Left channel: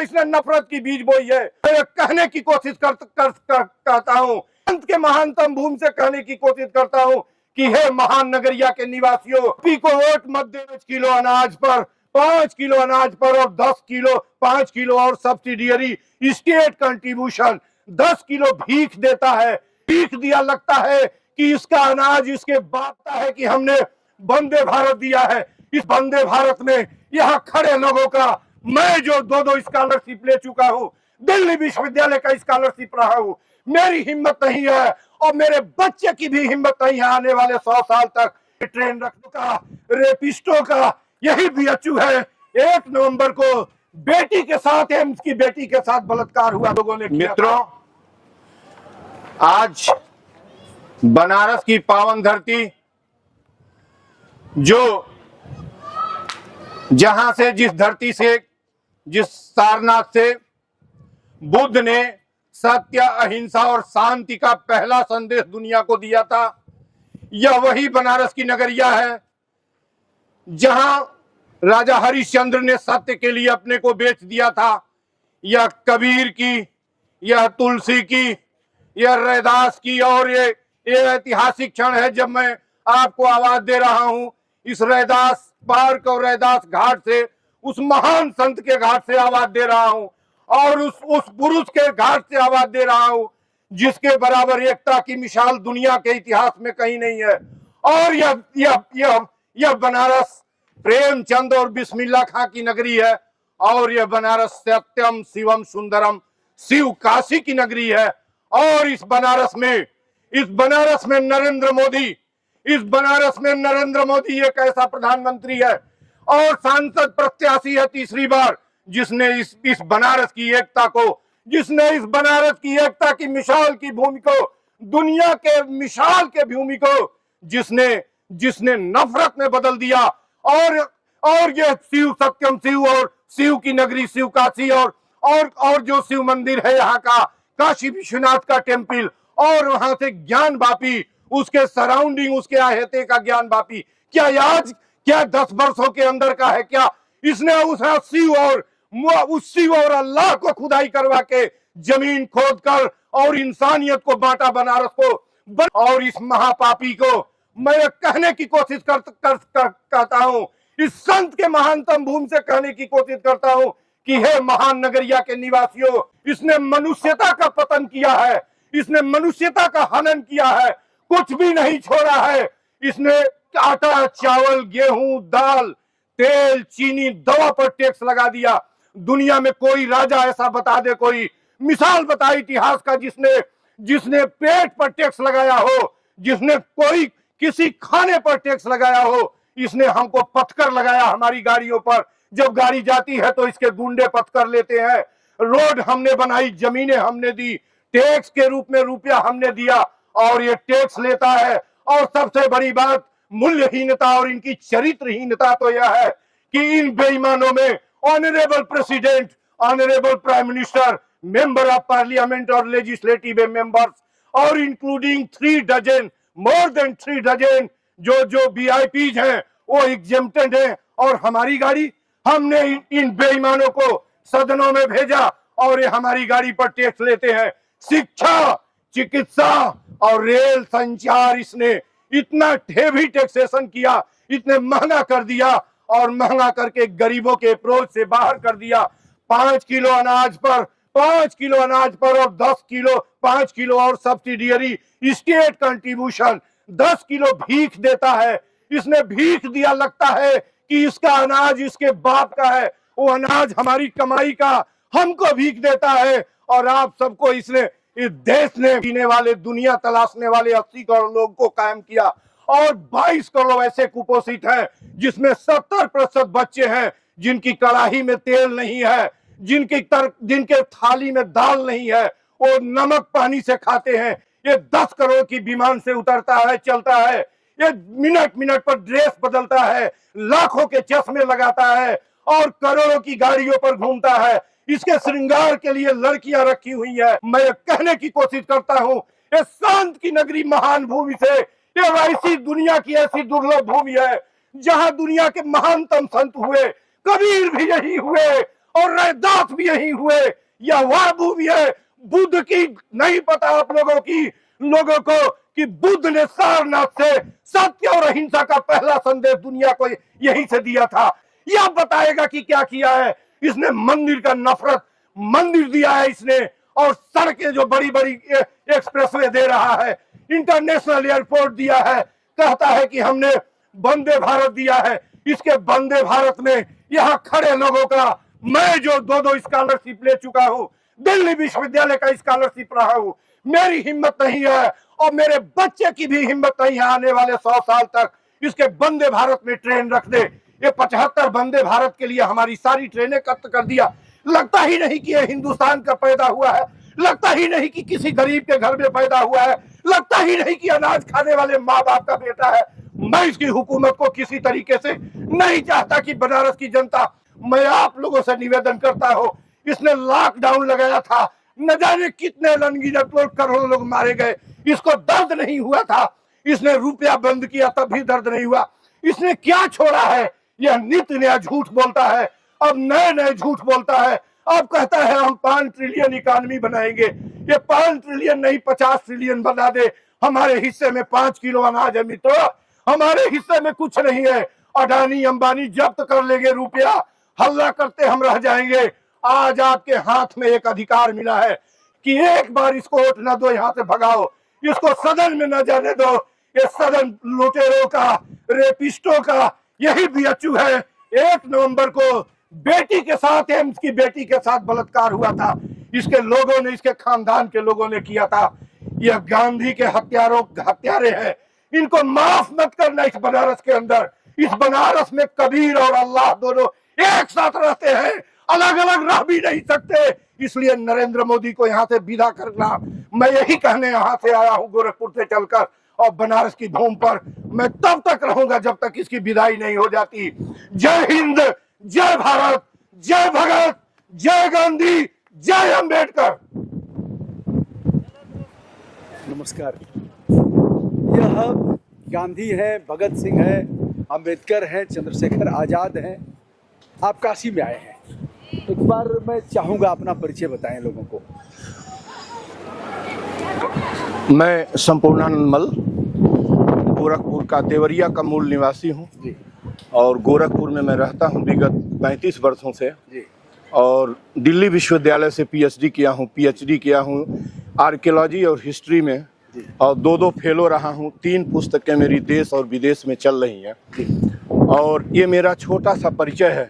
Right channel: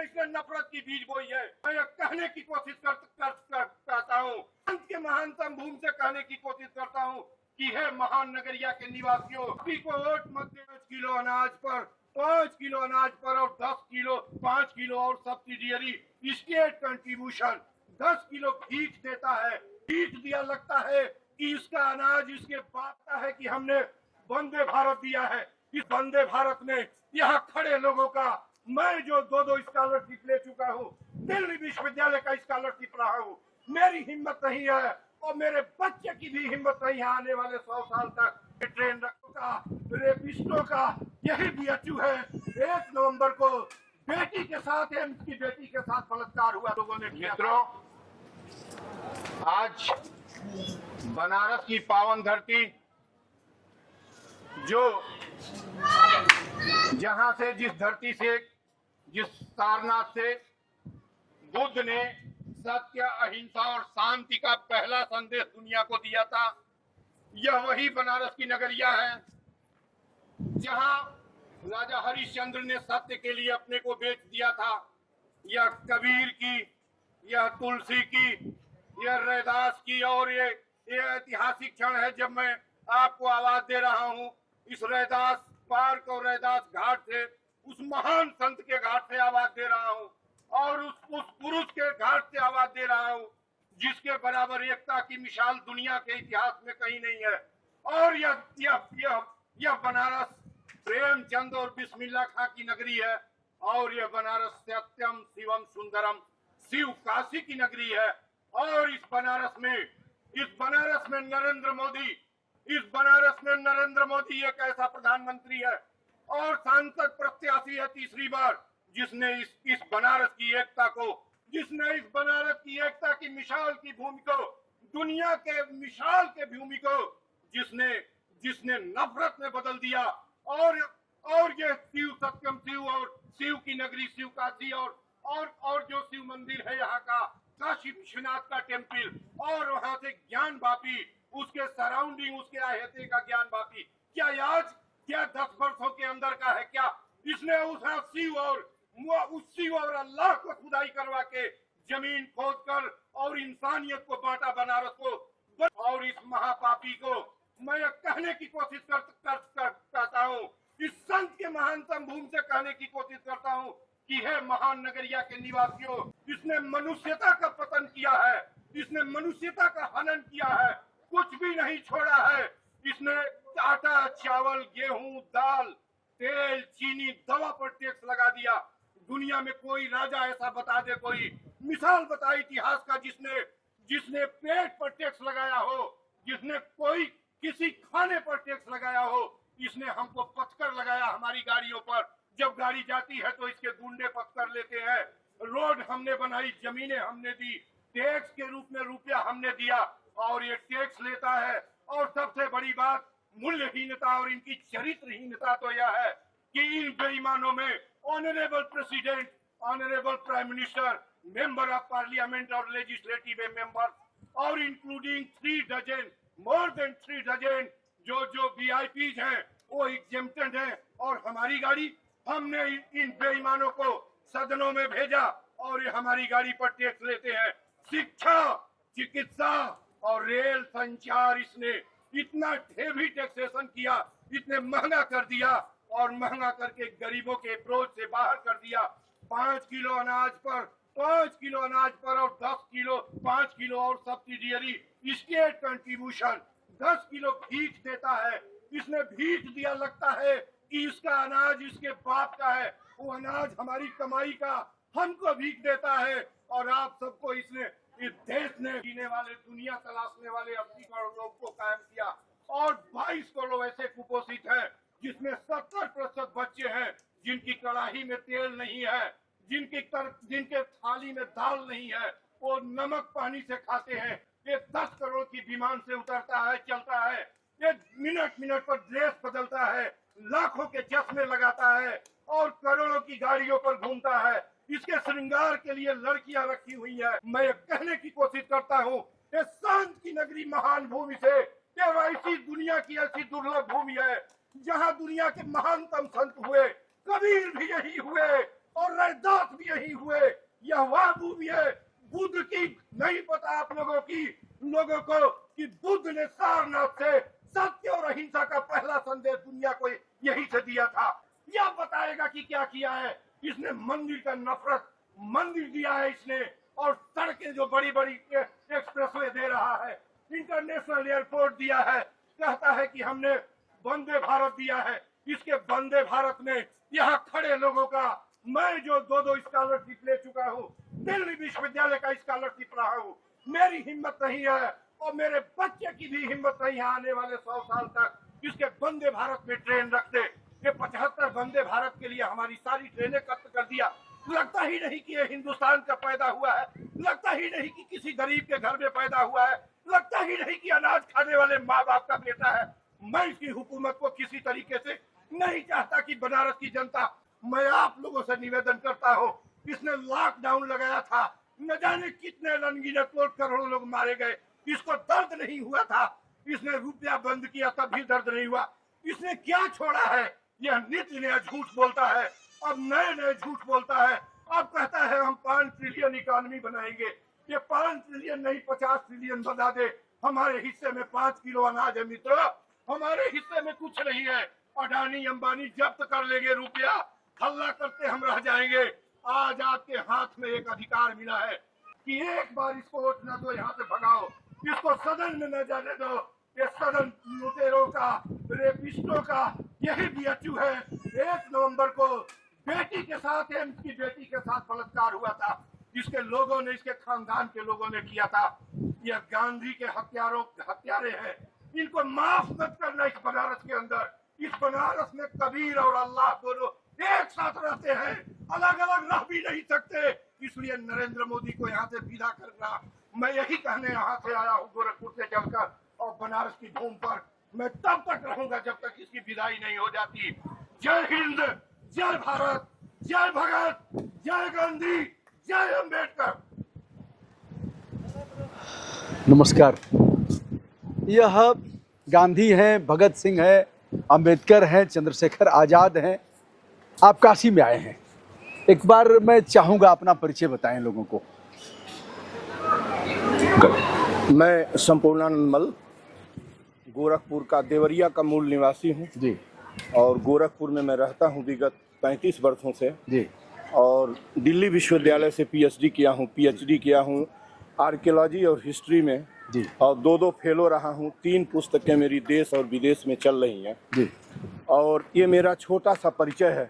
में इसने नफरत की बीज बोई है। मैं कहने की कोशिश करता हूँ, अंत के महानतम भूमि से कहने की कोशिश करता हूँ कि हे महान नगरिया के निवासियों, पी को वोट मत देना। 5 किलो अनाज पर, 5 किलो अनाज पर और 10 किलो 5 किलो और सब्सिडियरी स्टेट कंट्रीब्यूशन 10 किलो भीख देता है। भीख दिया लगता है कि इसका अनाज इसके बापता है कि हमने वंदे भारत दिया है। इस वंदे भारत में यहाँ खड़े लोगों का, मैं जो 2-2 स्कॉलरशिप ले चुका हूँ, दिल्ली विश्वविद्यालय का स्कॉलरशिप रहा हूँ, मेरी हिम्मत नहीं है और मेरे बच्चे की भी हिम्मत नहीं है आने वाले 100 साल तक ट्रेन रखने का। रेपिस्टों का यही बीएचयू है। 1 नवंबर को बेटी के साथ, एम्स की बेटी के साथ बलात्कार हुआ, लोगों ने किया। मित्रों, आज बनारस की पावन धरती, जो जहां से, जिस धरती से, जिस सारनाथ से बुद्ध ने सत्य, अहिंसा और शांति का पहला संदेश दुनिया को दिया था, यह वही बनारस की नगरिया है जहां राजा हरिश्चंद्र ने सत्य के लिए अपने को बेच दिया था। यह कबीर की, यह तुलसी की, यह रैदास की, और ये ऐतिहासिक क्षण है जब मैं आपको आवाज दे रहा हूं इस रैदास पार्क और रैदास घाट से, उस महान संत के घाट से आवाज दे रहा हूं, और उस पुरुष के घाट से आवाज दे रहा हूं जिसके बराबर एकता की मिसाल दुनिया के इतिहास में कहीं नहीं है। और यह बनारस प्रेमचंद और बिस्मिल्लाह खां की नगरी है, और यह बनारस सत्यम शिवम सुंदरम शिव काशी की नगरी है। और इस बनारस में नरेंद्र मोदी एक ऐसा प्रधानमंत्री है और सांसद प्रत्याशी है तीसरी बार, जिसने इस बनारस की एकता को, जिसने इस बनारस की एकता की मिसाल की भूमि को, दुनिया के मिसाल के भूमि को जिसने नफरत में बदल दिया। और ये शिव सत्यम शिव और शिव की नगरी शिव काशी, और जो शिव मंदिर है यहाँ का, काशी विश्वनाथ का टेम्पल, और वहां से ज्ञान वापी, उसके सराउंडिंग, उसके आहते का ज्ञान वापी, क्या 10 वर्षों के अंदर का है क्या? इसने उस शिव और अल्लाह को खुदाई करवा के जमीन खोद कर और इंसानियत को बांटा बनारस को। और इस महापापी को मैं कहने की कोशिश करता हूं, इस संत के महानतम भूमि से कहने की कोशिश करता हूं कि हे महान नगरिया के निवासियों, इसने मनुष्यता का पतन किया है, इसने मनुष्यता का हनन किया है, कुछ भी नहीं छोड़ा है। इसने आटा, चावल, गेहूं, दाल, तेल, चीनी, दवा पर टैक्स लगा दिया। दुनिया में कोई राजा ऐसा बता दे, कोई मिसाल बता इतिहास का जिसने पेट पर टैक्स लगाया हो, जिसने कोई किसी खाने पर टैक्स लगाया हो। इसने हमको पथकर लगाया हमारी गाड़ियों पर, जब गाड़ी जाती है तो इसके गुंडे पथकर लेते हैं। रोड हमने बनाई, जमीनें हमने दी, टैक्स के रूप में रुपया हमने दिया, और ये टैक्स लेता है। और सबसे बड़ी बात, मूल्यहीनता और इनकी चरित्रहीनता तो यह है कि इन बेईमानों में honourable president, honourable prime minister, member of parliament और लेजिस्लेटिव मेंबर्स, और including 3 dozen, more than 3 dozen जो वीआईपीज हैं वो एग्जेम्प्टेड हैं। और हमारी गाड़ी, हमने इन बेईमानों को सदनों में भेजा और ये हमारी गाड़ी पर टैक्स लेते हैं। शिक्षा, चिकित्सा और रेल संचार, इसने इतना हेवी टैक्सेशन किया, इतने महंगा कर दिया, और महंगा करके गरीबों के अप्रोच से बाहर कर दिया। 5 किलो अनाज पर, 5 किलो अनाज पर और 10 किलो 5 किलो और सब्सिडियरी स्टेट कंट्रीब्यूशन 10 किलो भीख देता है। इसने भीख दिया लगता है कि इसका अनाज इसके बाप का है, वो अनाज हमारी कमाई का हमको भीख देता है। और आप सबको इसने, इस देश ने पीने वाले, दुनिया तलाशने वाले 80 करोड़ लोगों को कायम किया, और 22 करोड़ ऐसे कुपोषित हैं जिसमें 70% बच्चे हैं जिनकी कड़ाही में तेल नहीं है, जिनके थाली में दाल नहीं है, वो नमक पानी से खाते हैं। ये 10 करोड़ की विमान से उतरता है, चलता है, ये मिनट मिनट पर ड्रेस बदलता है, लाखों के चश्मे लगाता है और करोड़ों की गाड़ियों पर घूमता है। इसके श्रृंगार के लिए लड़कियां रखी हुई है। मैं कहने की कोशिश करता हूं, ये शांत की नगरी महान भूमि से, ये ऐसी दुनिया की ऐसी दुर्लभ भूमि है जहां दुनिया के महानतम संत हुए, कबीर भी यही हुए, और रैदास भी यही हुए, या वाबू भी है। बुद्ध की नहीं पता आप लोगों को कि बुद्ध ने सारनाथ से सत्य और अहिंसा का पहला संदेश दुनिया को यहीं से दिया था। यह बताएगा कि क्या किया है इसने। मंदिर का नफरत मंदिर दिया है इसने, और सड़कें जो बड़ी बड़ी एक्सप्रेसवे दे रहा है, इंटरनेशनल एयरपोर्ट दिया है, कहता है कि हमने वंदे भारत दिया है। इसके वंदे भारत में यहाँ खड़े लोगों का, मैं जो दो स्कॉलरशिप ले चुका हूँ, दिल्ली विश्वविद्यालय का स्कॉलरशिप रहा हूँ, मेरी हिम्मत नहीं है और मेरे बच्चे की भी हिम्मत नहीं है आने वाले 100 साल तक इसके वंदे भारत में ट्रेन रख दे। ये 75 वंदे भारत के लिए हमारी सारी ट्रेनें कट कर दिया। लगता ही नहीं कि ये हिंदुस्तान का पैदा हुआ है, लगता ही नहीं कि किसी गरीब के घर में पैदा हुआ है, लगता ही नहीं कि अनाज खाने वाले माँ बाप का बेटा है। मैं इसकी हुकूमत को किसी तरीके से नहीं चाहता कि बनारस की जनता, मैं आप लोगों से निवेदन करता हूँ, इसने लॉकडाउन लगाया था, न जाने कितने अनगिनत लोग, करोड़ों लोग मारे गए, इसको दर्द नहीं हुआ था। इसने रुपया बंद किया तब भी दर्द नहीं हुआ। इसने क्या छोड़ा है? यह नित्य नया झूठ बोलता है, अब नए नए झूठ बोलता है। अब कहता है हम 5 ट्रिलियन इकोनॉमी बनाएंगे। ये 5 ट्रिलियन नहीं 50 ट्रिलियन बना दे। हमारे हिस्से में 5 किलो अनाज है मित्रों, हमारे हिस्से में कुछ नहीं है। अडानी अंबानी जब्त कर लेंगे रुपया, हल्ला करते हम रह जाएंगे। आज आपके हाथ में एक अधिकार मिला है कि एक बार इसको वोट न दो, यहाँ से भगाओ, इसको सदन में न जाने दो। ये सदन लुटेरों का, रेपिस्टों का यही बीएचयू है। 1 नवंबर को बेटी के साथ, एम्स की बेटी के साथ बलात्कार हुआ था, इसके लोगों ने, इसके खानदान के लोगों ने किया था। यह गांधी के हत्यारे हैं, इनको माफ मत करना। इस बनारस के अंदर, इस बनारस में कबीर और अल्लाह दोनों एक साथ रहते हैं, अलग अलग रह भी नहीं सकते। इसलिए नरेंद्र मोदी को यहाँ से विदा करना। मैं यही कहने यहाँ से आया हूँ गोरखपुर से चलकर, और बनारस की धूम पर मैं तब तक रहूंगा जब तक इसकी विदाई नहीं हो जाती। जय हिंद, जय भारत, जय भगत, जय गांधी, जय अंबेडकर। नमस्कार। यह गांधी हैं, भगत सिंह हैं, अंबेडकर हैं, चंद्रशेखर आजाद हैं। आप काशी में आए हैं, एक बार मैं चाहूंगा अपना परिचय बताएं लोगों को। मैं संपूर्णानंद मल, गोरखपुर का देवरिया का मूल निवासी हूँ जी, और गोरखपुर में मैं रहता हूँ विगत 35 वर्षों से जी, और दिल्ली विश्वविद्यालय से पीएचडी किया हूँ आर्कियोलॉजी और हिस्ट्री में जी, और 2 फेलो रहा हूँ। 3 पुस्तकें मेरी देश और विदेश में चल रही हैं जी। और ये मेरा छोटा सा परिचय है।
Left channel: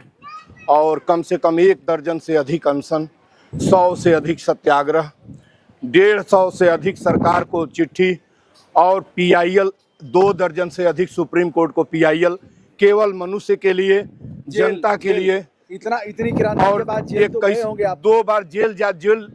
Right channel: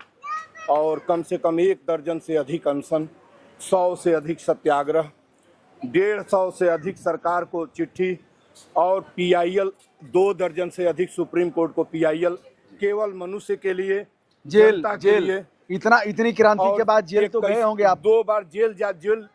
और कम से कम 1 दर्जन से अधिक अनशन, 100 से अधिक सत्याग्रह, 150 से अधिक सरकार को चिट्ठी, और पीआईएल 2 दर्जन से अधिक सुप्रीम कोर्ट को पीआईएल, केवल मनुष्य के लिए, जनता के लिए। इतनी क्रांति के बाद जेल तो गए होंगे आप। 2 बार जेल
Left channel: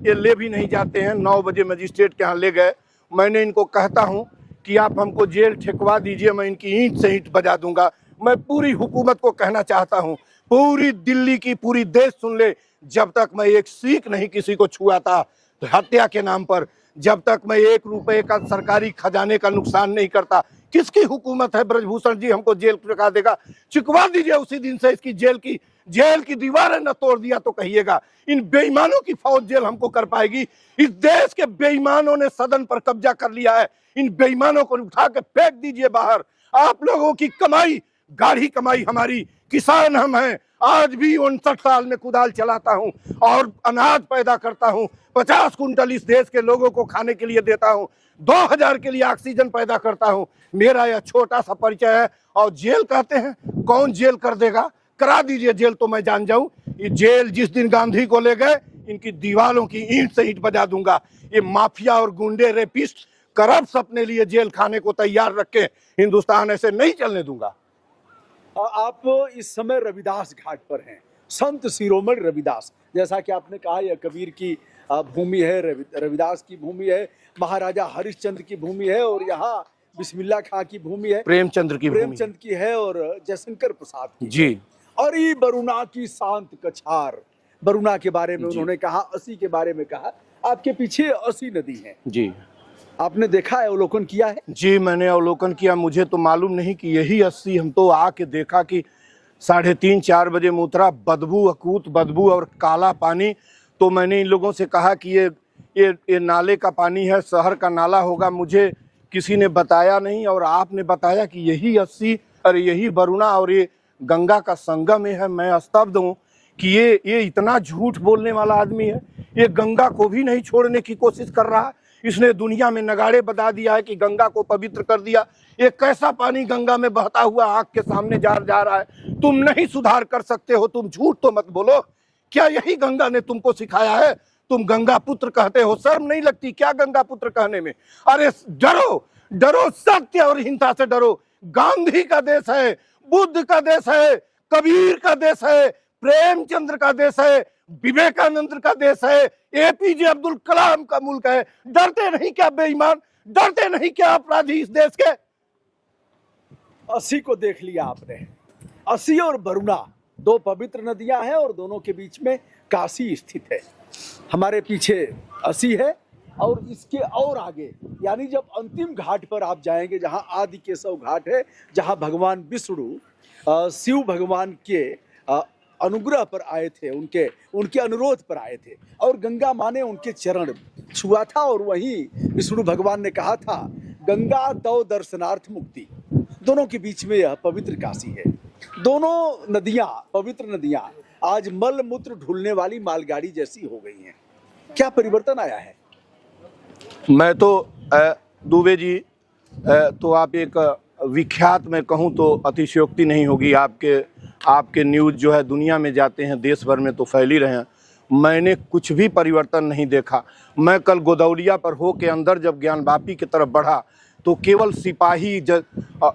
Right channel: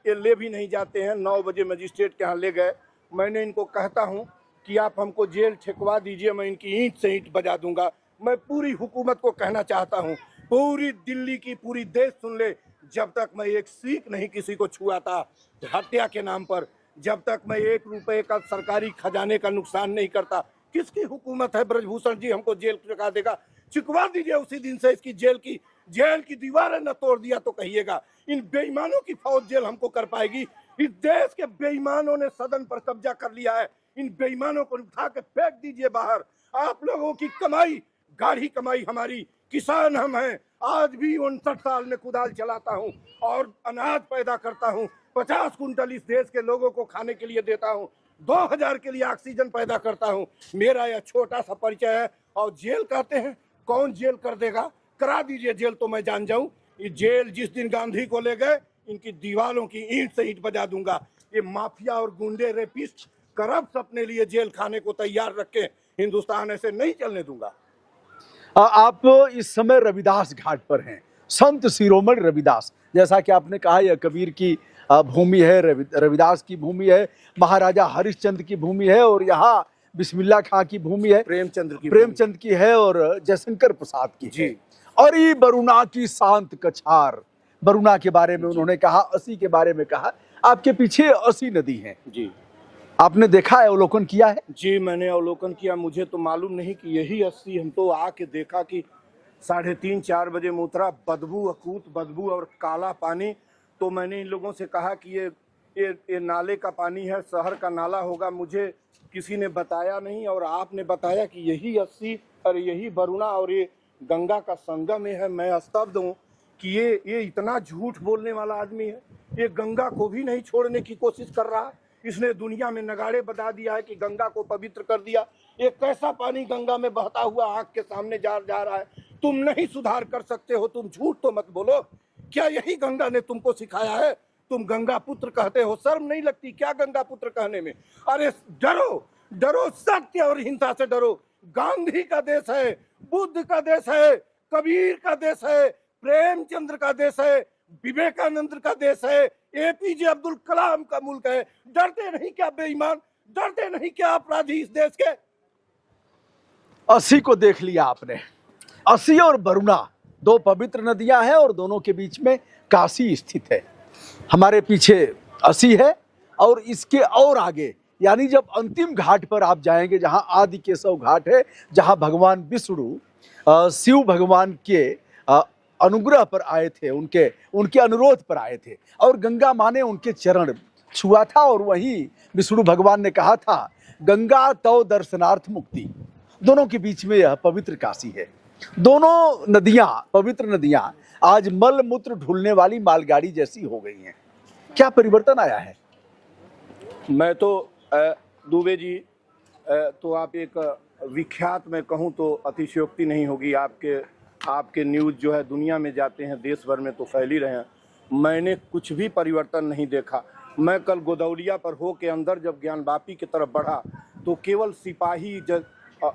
ये ले भी नहीं जाते हैं। 9 बजे मजिस्ट्रेट के यहाँ ले गए। मैंने इनको कहता हूँ कि आप हमको जेल ठेकवा दीजिए, मैं इनकी ईंट से ईंट बजा दूंगा। मैं पूरी हुकूमत को कहना चाहता हूँ, पूरी दिल्ली की, पूरी देश सुन ले, जब तक मैं एक सीख नहीं किसी को छुआ था हत्या के नाम पर, जब तक मैं 1 रुपए का सरकारी खजाने का नुकसान नहीं करता, किसकी हुकूमत है? ब्रजभूषण जी हमको जेल चुका देगा, चुकवा दीजिए उसी दिन से। इसकी जेल की दीवारें न तोड़ दिया तो कहिएगा। इन बेईमानों की फौज जेल हमको कर पाएगी। इस देश के बेईमानों ने सदन पर कब्जा कर लिया है। इन बेईमानों को उठा के फेंक दीजिए बाहर। आप लोगों की कमाई, गाढ़ी कमाई हमारी, किसान हम हैं। आज भी 59 साल में कुदाल चलाता हूँ और अनाज पैदा करता हूँ। 50 कुंटल इस देश के लोगों को खाने के लिए देता हूँ। 2000 के लिए ऑक्सीजन पैदा करता हूँ। मेरा यह छोटा सा परिचय है। और जेल कहते हैं, कौन जेल कर देगा? करा दीजिए जेल तो मैं जान जाऊं। ये जेल जिस दिन गांधी को ले गए, इनकी दीवारों की ईंट से ईंट बजा दूंगा। ये माफिया और गुंडे, रेपिस्ट, करप्ट अपने लिए जेल खाने को तैयार रखे। हिंदुस्तान ऐसे नहीं चलने दूंगा। आप इस समय रविदास घाट पर हैं, संत शिरोमणि रविदास। जैसा कि आपने कहा, यह कबीर की भूमि है, रविदास की भूमि है, महाराजा हरिश्चंद्र की भूमि है, और यहाँ बिस्मिल्लाह खां की भूमि है, प्रेमचंद की है, और जयशंकर प्रसाद की जी है। और ये बरुणा की शांत कछार, बरुणा के बारे में उन्होंने कहा, 80 के बारे में कहा। आपके पीछे 80 नदी है जी, आपने देखा है, अवलोकन किया है? जी मैंने अवलोकन किया। मुझे तो मालूम नहीं कि यही 80, हम तो आके देखा कि 3:30-4 बजे मुतरा, बदबू, अकूत बदबू और काला पानी। तो मैंने इन लोगों से कहा कि ये नाले का पानी है, शहर का नाला होगा। मुझे किसी ने बताया नहीं और आपने बताया कि यही 80 और यही वरुणा और ये गंगा का संगम है। मैं स्तब्ध हूँ कि ये इतना झूठ बोलने वाला आदमी है। ये गंगा को भी नहीं छोड़ने की कोशिश कर रहा है। इसने दुनिया में नगाड़े बजा दिया है कि गंगा को पवित्र कर दिया। ये कैसा पानी गंगा में बहता हुआ आग के सामने जा रहा है। तुम नहीं सुधार कर सकते हो, तुम झूठ तो मत बोलो। क्या यही गंगा ने तुमको सिखाया है? तुम गंगा पुत्र कहते हो, शर्म नहीं लगती क्या गंगा पुत्र कहने में? अरे डरो, डरो, सत्य और हिंसा से डरो। गांधी का देश है, बुद्ध का देश है, कबीर का देश है, प्रेमचंद्र का देश है, विवेकानंद का देश है, एपीजे अब्दुल कलाम का मुल्क है। डरते नहीं क्या बेईमान? डरते नहीं क्या अपराधी इस देश के? 80 को देख लिया आपने। 80 और वरुणा दो पवित्र नदियां हैं और दोनों के बीच में काशी स्थित है। हमारे पीछे 80 है और इसके और आगे यानी जब अंतिम घाट पर आप जाएंगे, जहां आदि केशव घाट है, जहां भगवान विष्णु शिव भगवान के अनुग्रह पर आए थे, उनके अनुरोध पर आए थे और गंगा माँ ने उनके चरण छुआ था और वहीं विष्णु भगवान ने कहा था गंगा तव दर्शनार्थ मुक्ति। दोनों के बीच में यह पवित्र काशी है। दोनों नदियां, पवित्र नदियां आज मल मूत्र ढूलने वाली मालगाड़ी जैसी हो गई हैं। क्या परिवर्तन आया है? मैं तो दुबे जी, तो आप एक विख्यात में कहूँ तो अतिशयोक्ति नहीं होगी। आपके न्यूज़ जो है दुनिया में जाते हैं, देश भर में तो फैल ही रहे हैं। मैंने कुछ भी परिवर्तन नहीं देखा। मैं कल गोदौलिया पर हो के अंदर जब ज्ञानवापी की तरफ बढ़ा तो केवल सिपाही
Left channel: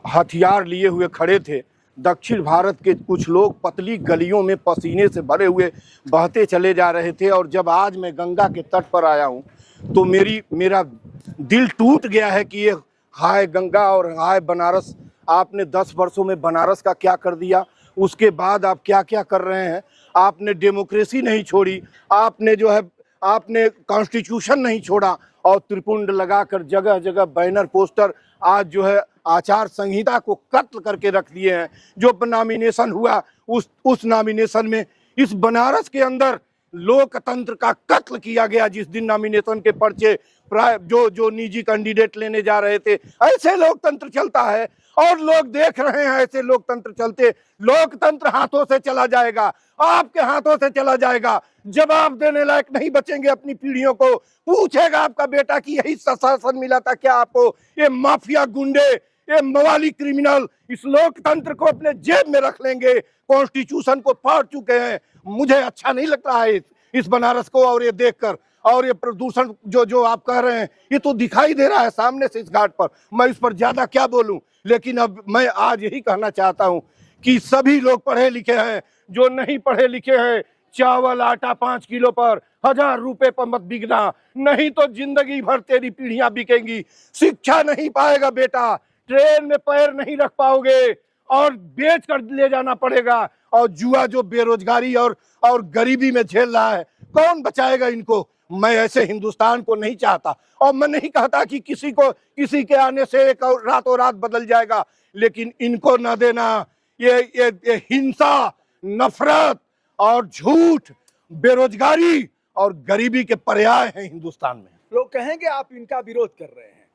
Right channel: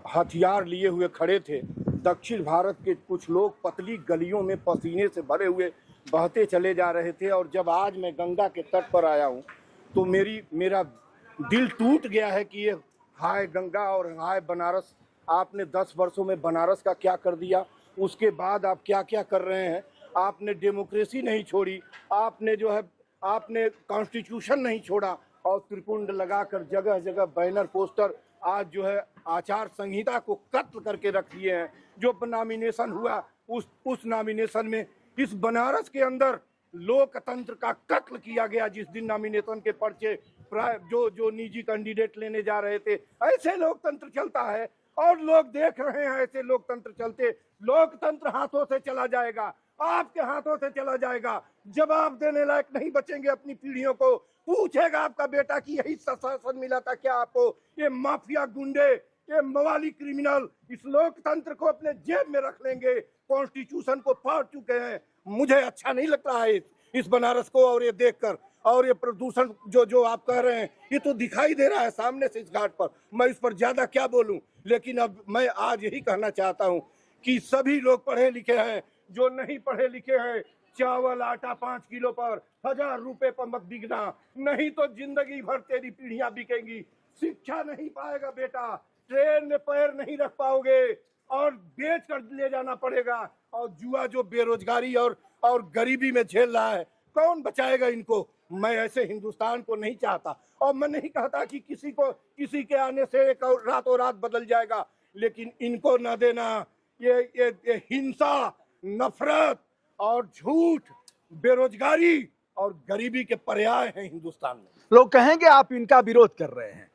हथियार लिए हुए खड़े थे। दक्षिण भारत के कुछ लोग पतली गलियों में पसीने से भरे हुए बहते चले जा रहे थे। और जब आज मैं गंगा के तट पर आया हूँ तो मेरा दिल टूट गया है कि ये हाय गंगा और हाय बनारस। आपने 10 वर्षों में बनारस का क्या कर दिया, उसके बाद आप क्या क्या कर रहे हैं। आपने डेमोक्रेसी नहीं छोड़ी, आपने कॉन्स्टिट्यूशन नहीं छोड़ा और त्रिपुंड लगाकर जगह जगह बैनर पोस्टर आज जो है आचार संहिता को कत्ल करके रख दिए हैं। जो नॉमिनेशन हुआ उस नॉमिनेशन में इस बनारस के अंदर लोकतंत्र का कत्ल किया गया। जिस दिन नॉमिनेशन के पर्चे जो निजी कैंडिडेट लेने जा रहे थे, ऐसे लोकतंत्र चलता है और लोग देख रहे हैं ऐसे लोकतंत्र चलते। लोकतंत्र हाथों से चला जाएगा, आपके हाथों से चला जाएगा। जवाब देने लायक नहीं बचेंगे अपनी पीढ़ियों को। पूछेगा आपका बेटा कि यही शासन मिला था क्या आपको? ये माफिया गुंडे, ये मवाली क्रिमिनल इस लोकतंत्र को अपने जेब में रख लेंगे। कॉन्स्टिट्यूशन को फाड़ चुके हैं। मुझे अच्छा नहीं लग रहा है इस बनारस को और ये देखकर। और ये प्रदूषण जो आप कह रहे हैं ये तो दिखाई दे रहा है सामने से इस घाट पर। मैं इस पर ज्यादा क्या बोलूं, लेकिन अब मैं आज यही कहना चाहता हूं कि सभी लोग पढ़े लिखे हैं, जो नहीं पढ़े लिखे हैं, चावल आटा 5 किलो पर 1000 रुपए पर मत बिकना, नहीं तो जिंदगी भर तेरी पीढ़ियां बिकेंगी। शिक्षा नहीं पाएगा बेटा, ट्रेन में पैर नहीं रख पाओगे और बेच कर ले जाना पड़ेगा। और जुआ जो बेरोजगारी और गरीबी में झेल रहा है, कौन बचाएगा इनको? मैं ऐसे हिंदुस्तान को नहीं चाहता और मैं नहीं कहता कि किसी के आने से एक रातों रात बदल जाएगा, लेकिन इनको न देना। ये हिंसा, नफरत और झूठ, बेरोजगारी और गरीबी के पर्याय हैं हिंदुस्तान में। लोग कहेंगे आप इनका विरोध कर रहे हैं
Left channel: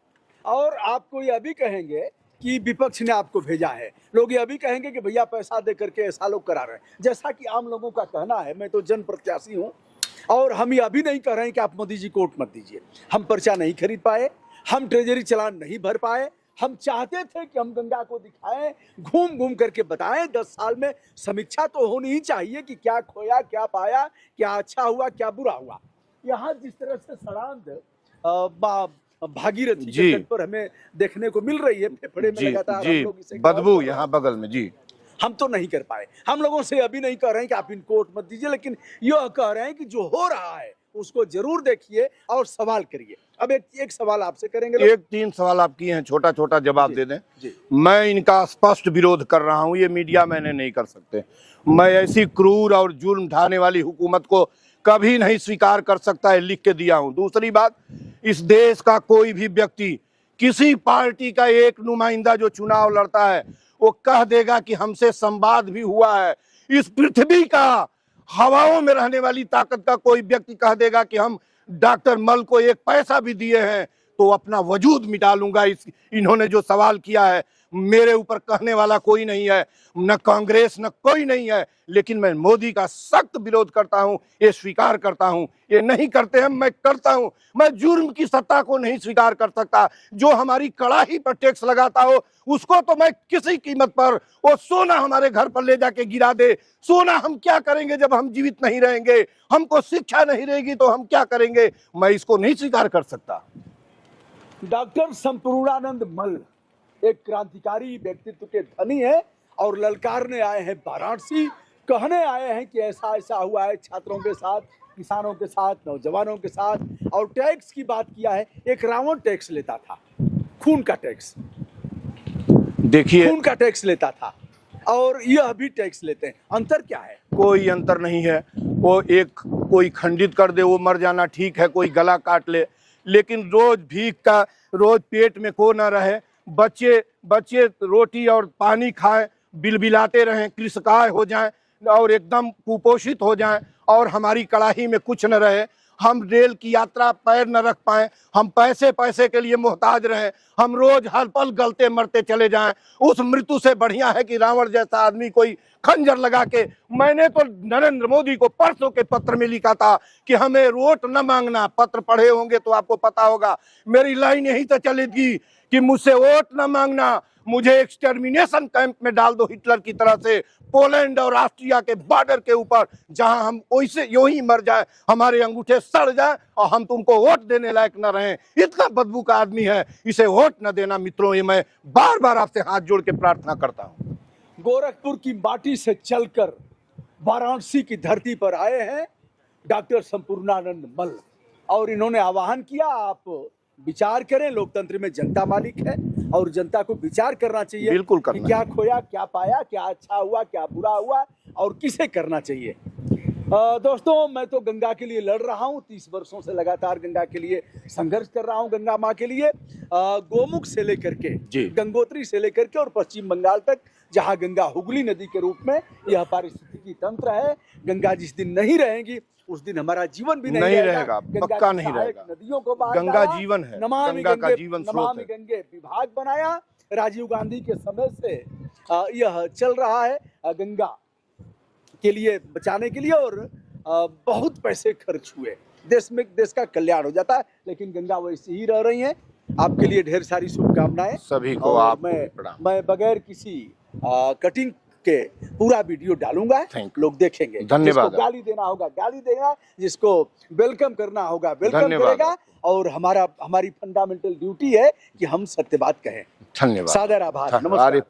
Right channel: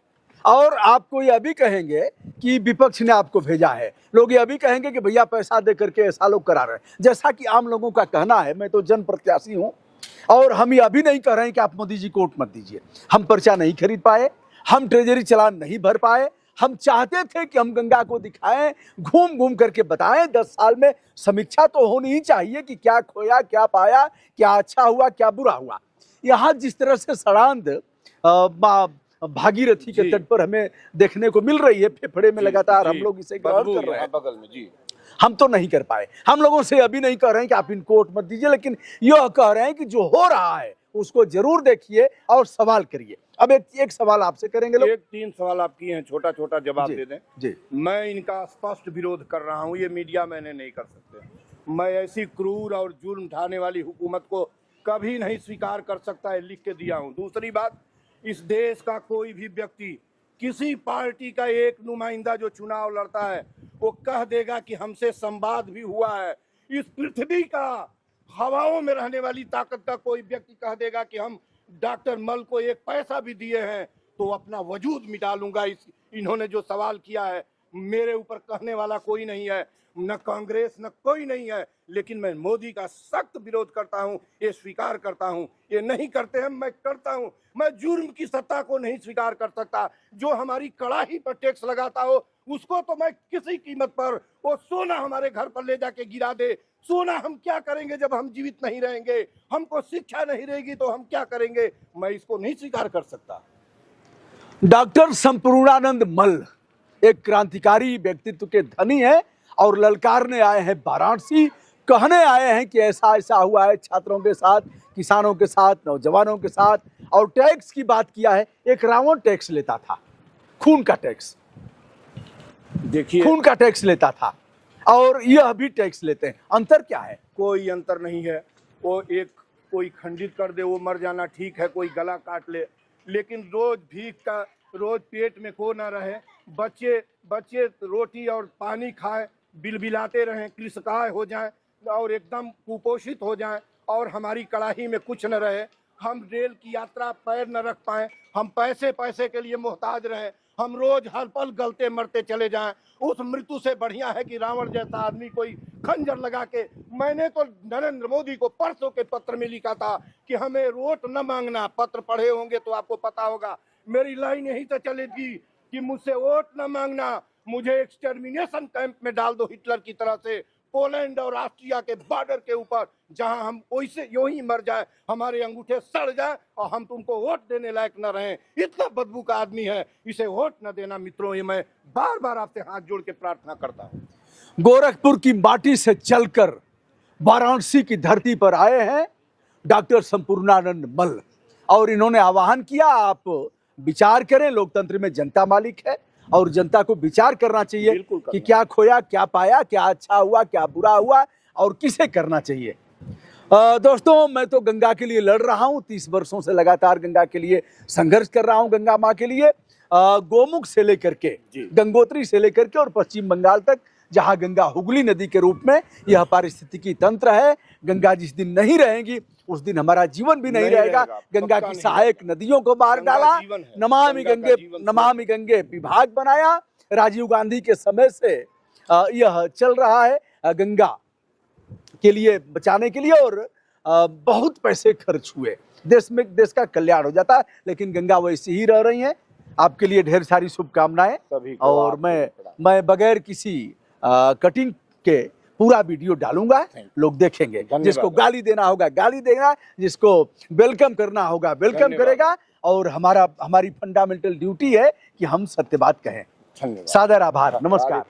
और आपको यह भी कहेंगे कि विपक्ष ने आपको भेजा है। लोग यह भी कहेंगे कि भैया पैसा दे करके ऐसा लोग करा रहे हैं। जैसा कि आम लोगों का कहना है, मैं तो जन प्रत्याशी हूं और हम यह भी नहीं कह रहे हैं कि आप मोदी जी को वोट मत दीजिए। हम पर्चा नहीं खरीद पाए, हम ट्रेजरी चलान नहीं भर पाए। हम चाहते थे कि हम गंगा को दिखाएं, घूम घूम करके बताएं। 10 साल में समीक्षा तो होनी ही चाहिए कि क्या खोया, क्या पाया, क्या अच्छा हुआ, क्या बुरा हुआ। यहाँ जिस तरह से सड़ांध भागीरथी के तट पर हमें देखने को मिल रही है, फेफड़े में लगातार हम लोग इसे बदबू यहाँ बगल में जी, हम तो नहीं कर पाए। हम लोगों से अभी नहीं कह रहे हैं कि आप इनको वोट मत दीजिए, लेकिन यह कह रहे हैं कि जो हो रहा है उसको जरूर देखिए और सवाल करिए। अब एक सवाल आपसे करेंगे लोग। 3 सवाल आप किए हैं, छोटा छोटा जवाब दे दें जी। मैं इनका स्पष्ट विरोध कर रहा हूं, ये मीडिया मैंने नहीं कर सकते। मैं ऐसी क्रूर और जुर्म ढाने वाली हुकूमत को कभी नहीं स्वीकार कर सकता है, लिख के दिया हूं। दूसरी बात, इस देश का कोई भी व्यक्ति, किसी पार्टी का एक नुमाइंदा जो चुनाव लड़ता है, वो कह देगा कि हमसे संवाद भी हुआ है। इस पृथ्वी का हवाओं में रहने वाली ताकत का कोई व्यक्ति कह देगा कि हम डॉक्टर मल को एक पैसा भी दिए हैं तो अपना वजूद मिटा लूंगा। इन्होंने जो सवाल किया है, मेरे ऊपर कहने वाला कोई नहीं है, न कांग्रेस न कोई नहीं है, लेकिन मैं मोदी का सख्त विरोध करता हूं, ये स्वीकार करता हूं। ये नहीं करते हैं, मैं करता हूं। मैं जुर्म की सत्ता को नहीं स्वीकार कर सकता। जो हमारी कड़ाही पर टैक्स लगाता हो उसको तो मैं किसी कीमत पर, वो सोना हमारे घर पर ले जाके गिरा दे। सोना हम क्या करेंगे जब हम जीवित नहीं रहेंगे? हमको शिक्षा नहीं रहेगी तो हम क्या करेंगे? मैं इसको नहीं स्वीकार कर सकता। डॉक्टर संपूर्णानंद मल्ल एक क्रांतिकारी व्यक्तित्व के धनी है और ललकारने आए हैं वाराणसी। कहने आए हैं कि ऐसा ऐसा हुआ है छात्रों के साथ, किसानों के साथ, नौजवानों के साथ। और टैक्स की बात किया है। एक रावण टैक्स लेता था, खून का टैक्स, देखिए खून का टैक्स लेता था और यह भी टैक्स लेते हैं। अंतर क्या है? कोई अंतर नहीं है। वो एक कोई खंडित कर दे वो मर जाना ठीक है, कोई गला काट ले, लेकिन रोज भीख का, रोज पेट में को ना रहे, बच्चे रोटी और पानी खाएं, बिलबिलाते रहें, कृषकाय हो जाएं और एकदम कुपोषित हो जाएं और हमारी कड़ाही में कुछ न रहे। हम रेल की यात्रा पैर न रख पाएं, हम पैसे के लिए मोहताज रहें, हम रोज हर पल गलते मरते चले जाएं। उस मृत्यु से बढ़िया है कि रावण जैसा आदमी कोई खंजर लगा के। मैंने तो नरेंद्र मोदी को परसों के पत्र में लिखा था कि हमें वोट न मांगना। पत्र पढ़े होंगे तो आपको पता होगा, मेरी लाइन यही तो चलेगी कि मुझसे वोट न मांगना, मुझे एक्सटर्मिनेशन कैंप में डाल दो हिटलर की तरह से, पोलैंड और ऑस्ट्रिया के बॉर्डर के ऊपर, जहां हम वैसे यूं ही मर जाएं, हमारे अंगूठे सड़ जाएं और हम तुमको वोट देने लायक न रहें। इतना बदबू का आदमी है, इसे वोट न देना मित्रों। ये मैं बार बार आपसे हाथ जोड़ के प्रार्थना करता हूं। गोरखपुर की माटी से चलकर वाराणसी की धरती पर आए हैं डॉक्टर संपूर्णानंद मल्ल और इन्होंने आह्वान किया, आप विचार करें। लोकतंत्र में जनता मालिक है और जनता को विचार करना चाहिए। बिल्कुल कि क्या खोया, क्या पाया, क्या अच्छा हुआ, क्या बुरा हुआ और किसे करना चाहिए। दोस्तों, मैं तो गंगा के लिए लड़ रहा हूं, 30 वर्षों से लगातार गंगा के लिए संघर्ष कर रहा हूं, गंगा माँ के लिए। गोमुख से लेकर के, गंगोत्री से लेकर के और पश्चिम बंगाल तक, जहां गंगा हुगली नदी के रूप में यह पारिस्थितिकी तंत्र है। गंगा जिस दिन नहीं रहेगी उस दिन हमारा जीवन भी नहीं रहेगा। गंगा की सहायक नदियों को बाहर डाला, नमामि गंगे विभाग बनाया। राजीव गांधी के समय से यह चल रहा है गंगा के लिए बचाने के लिए और बहुत पैसे खर्च हुए, देश का कल्याण हो जाता, लेकिन गंगा वैसी ही रह रही है। आपके लिए ढेर सारी शुभकामनाएं सभी को। और मैं बगैर किसी कटिंग के पूरा वीडियो डालूंगा, लोग देखेंगे। जिसको गाली देना होगा गाली देगा, जिसको वेलकम करना होगा वेलकम करेगा। और हमारी फंडामेंटल ड्यूटी है कि हम सत्य बात कहें। धन्यवाद। सादर आभार, नमस्कार।